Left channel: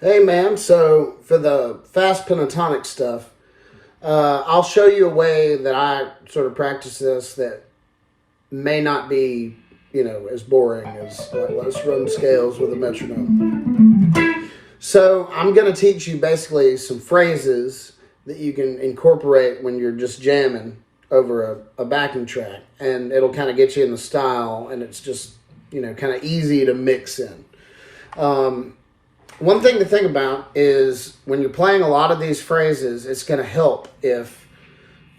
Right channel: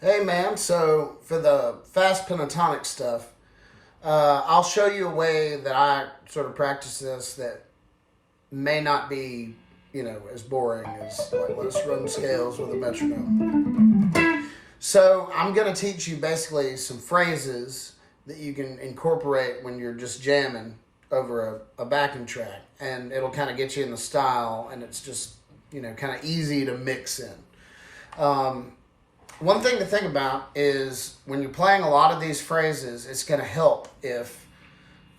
Hey man, so for the fast pentatonic stuff, I'll show you a way that I sort of practice this that may not be, as boring as like let's run scales with a metronome. So I'm going to teach you basically some phrases that you can incorporate when you're just jamming over a backing track, and it'll kind of get you in the style, and it's just, kind of easy to mix in. One thing to think about is when you're playing a lot of these phrases, it's going to help if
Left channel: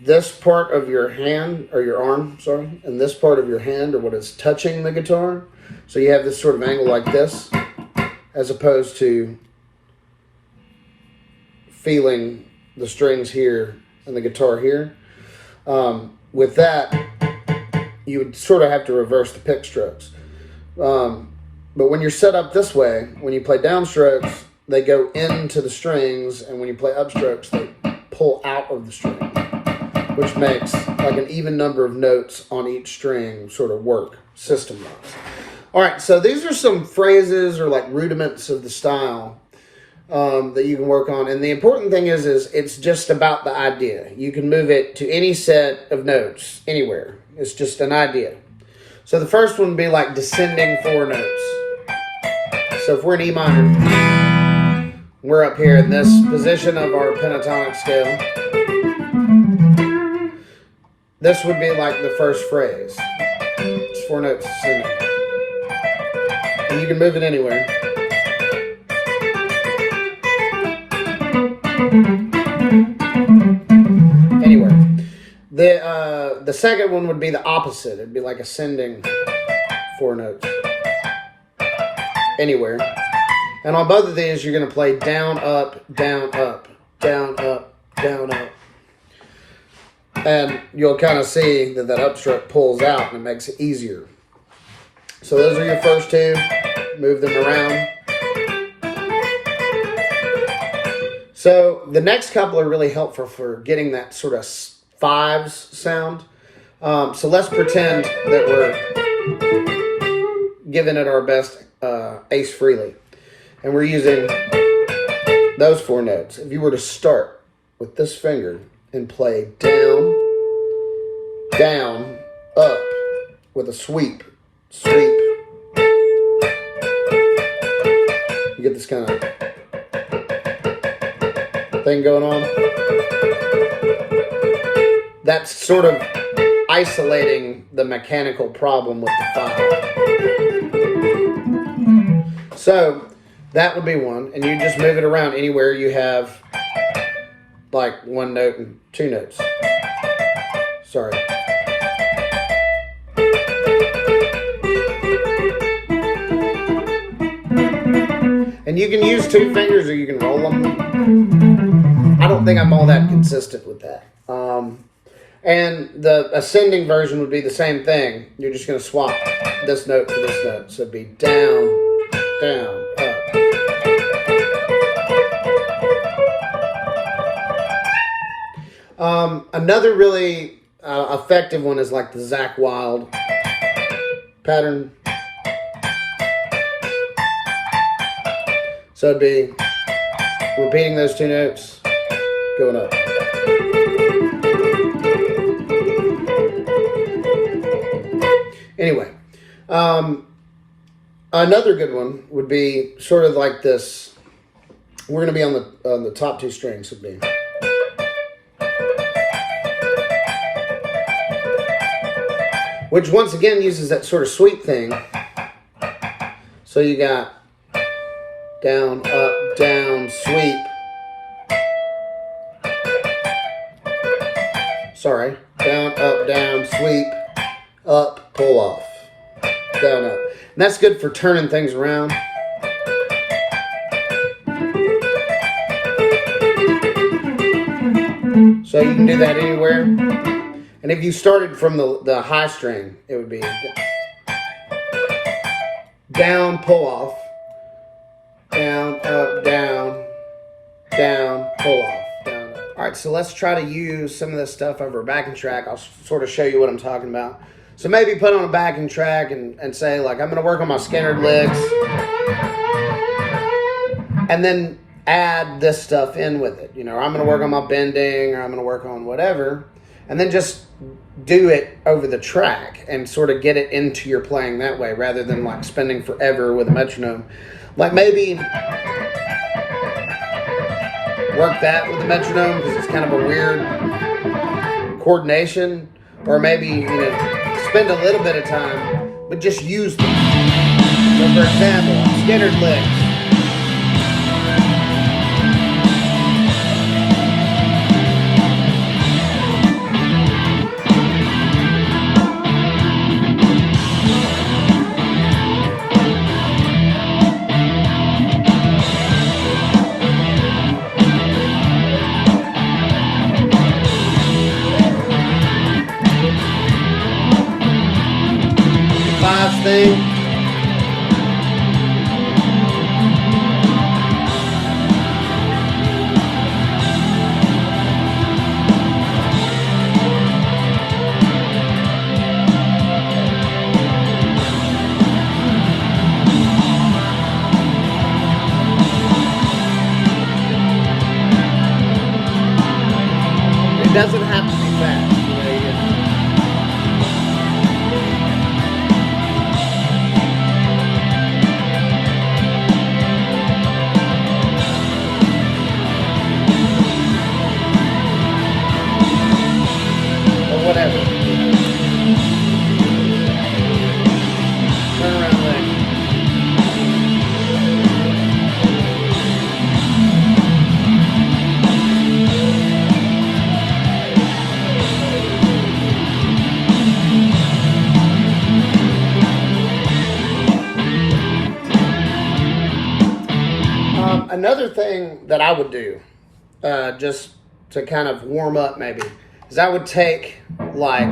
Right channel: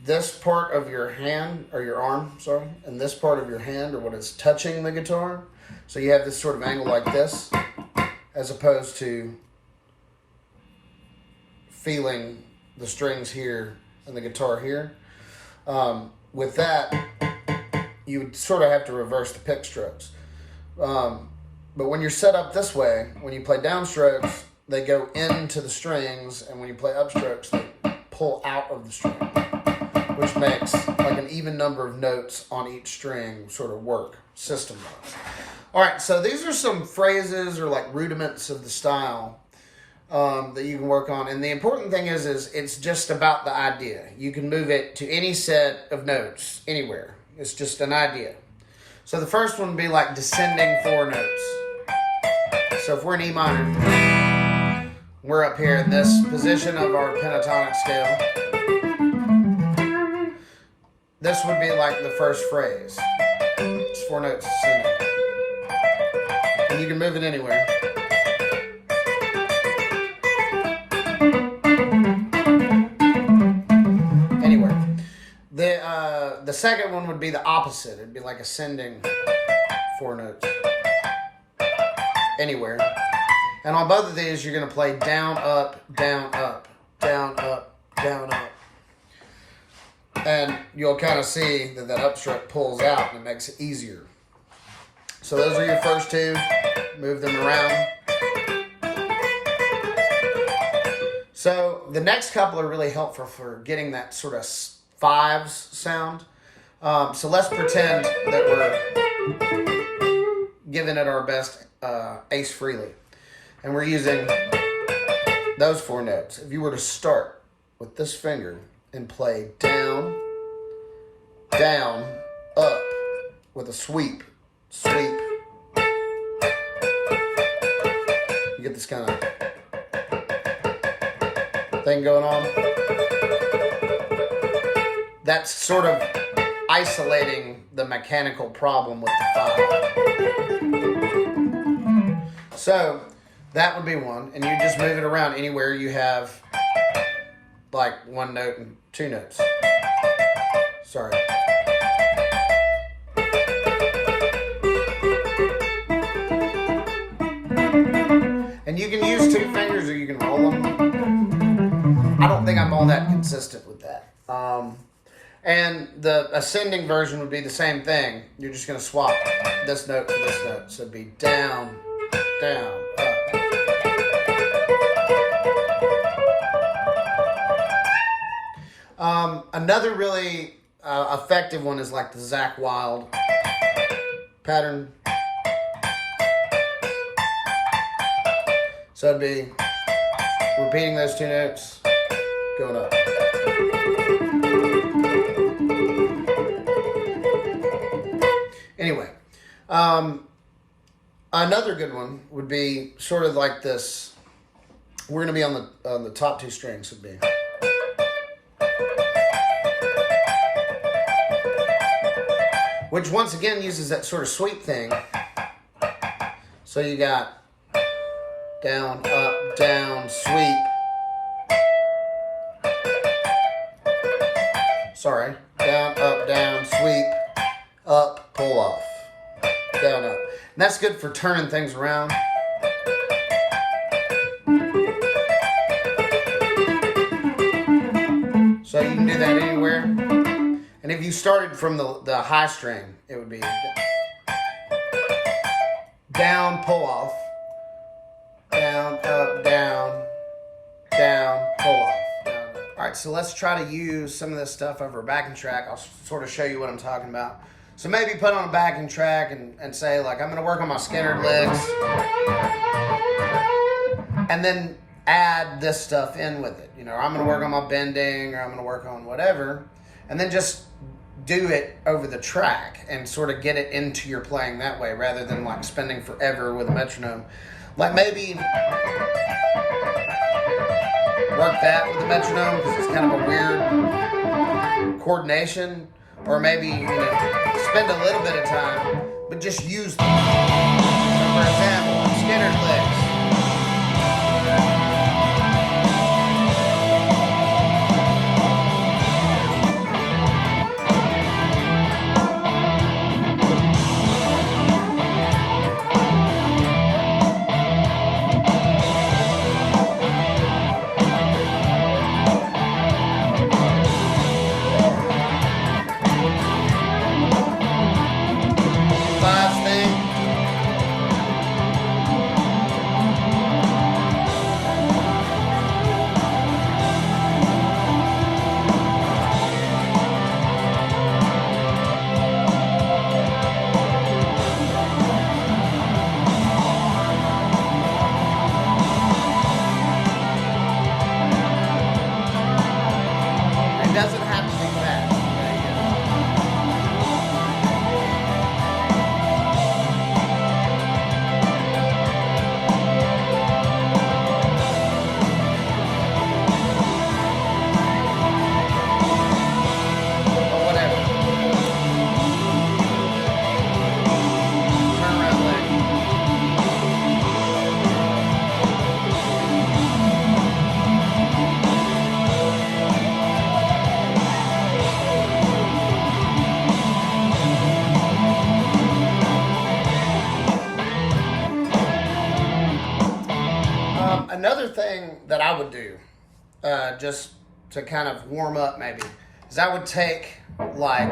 this part of your hand, or your arm, sorry, and this part of your hand are what is touching the guitar. So you have this sort of angle like this, as opposed to feeling the strings here and the guitar here. With that, you would sort of have to reverse the pick strokes. But when you're set up this way, when you play downstrokes, they go into the strings, and when you play upstrokes, they pull out of the string, which makes like an even number of notes on each string sort of work system-wise. All right, so these are some phrases or like rudiments of the style that you can work on. And the important thing is it's just about the idea. You can move it to any set of notes, anywhere. It's just an idea. So the first one would be like descending four notes. So if we're in E minor, we're up here in this position of our pentatonic scale. This would be like the first phrase. It's four notes descending. And you can move it anywhere. Anywhere. The second one would be the opposite. It'd be like ascending four notes. Anywhere. And on both of these, you're going to play down, up, down, up, down, up, down, up. And you'll kind of see that upstroke pulls out and it makes it easier. So those are your first two. Move them around. So the next couple are really helpful for getting that sort of fives sound. So let's pretend that we're giving it our best ace freely. And we're using those four notes. If you were to start with this finger and play down, down, up with a sweep, sweep, you get this kind of thing going on. That's sort of isolating the mechanical problem with the five. So that would be one, and you just move it around anywhere you have like one note and two notes. Sorry. And you can use two fingers or you can roll them. I don't think I'm all that consistent with that. And the ascending version would be the same thing. You're just going to swap this note for this note. So it'd be down, down, up. Another really effective one is like the Zakk Wylde pattern. So it'd be repeating those two notes, going up. Anyway, another good one would be sort of like this. We're going to be on the top two strings. Would be. Which once again uses that sort of sweep thing. So you got down, up, down, sweep. Sorry. Down, up, down, sweep, up, pull off. Down, up. And that's good for turning things around. So you can do that anywhere. And if you started from the high string, it would be down, pull off, down, up, down, down, pull off, down, up. All right, so let's try to use some of this stuff over a backing track. I'll sort of show you what I'm talking about. So maybe put on a backing track and say, like, I'm going to work on my Skinnered legs. and then add this stuff in with it. You know, I'm going to work on my bending, or I'm going to work on whatever, and then just do it over the track and sort of get it into your playing that way, rather than like spending forever with a metronome. Like maybe work that with the metronome because it's kind of a weird coordination, or maybe, you know, spend a little bit of time, but just use them. So for example, scattered licks. Thing. It doesn't have to be fast. Whatever. Turn around leg. Another thing that I would do, just to kind of warm up maybe, is I would take like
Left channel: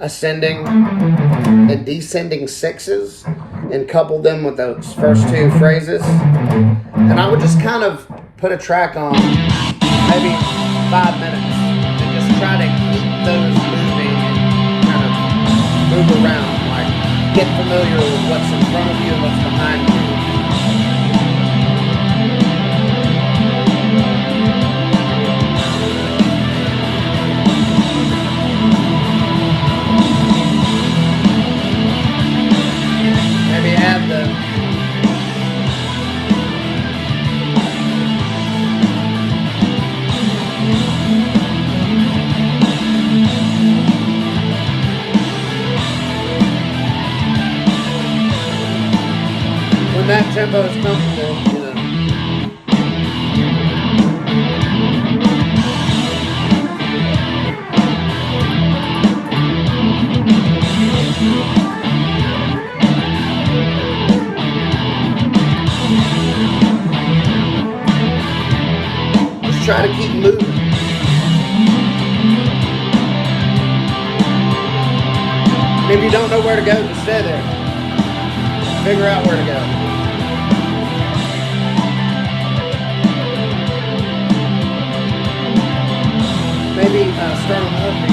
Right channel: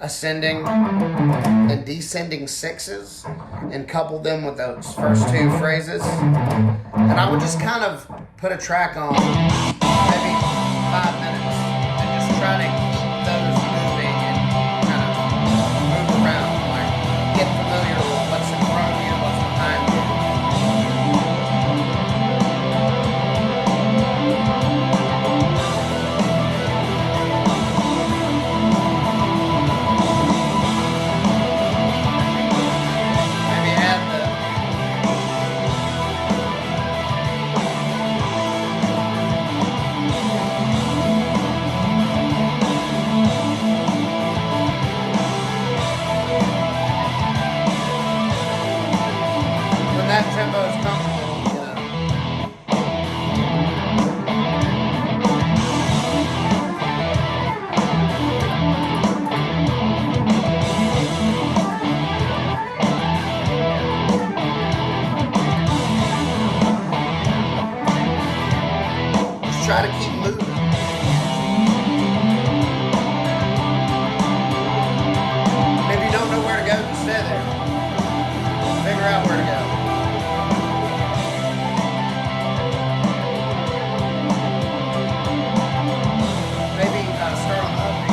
ascending and descending sixes and couple them with those first two phrases. And I would just kind of put a track on maybe 5 minutes and just try to keep those moving and kind of move around, like get familiar with what's in front of you and what's behind you. That tempo is comfortable, you know. Just try to keep moving. And if you don't know where to go, just stay there. Figure out where to go. Maybe start on the up beat.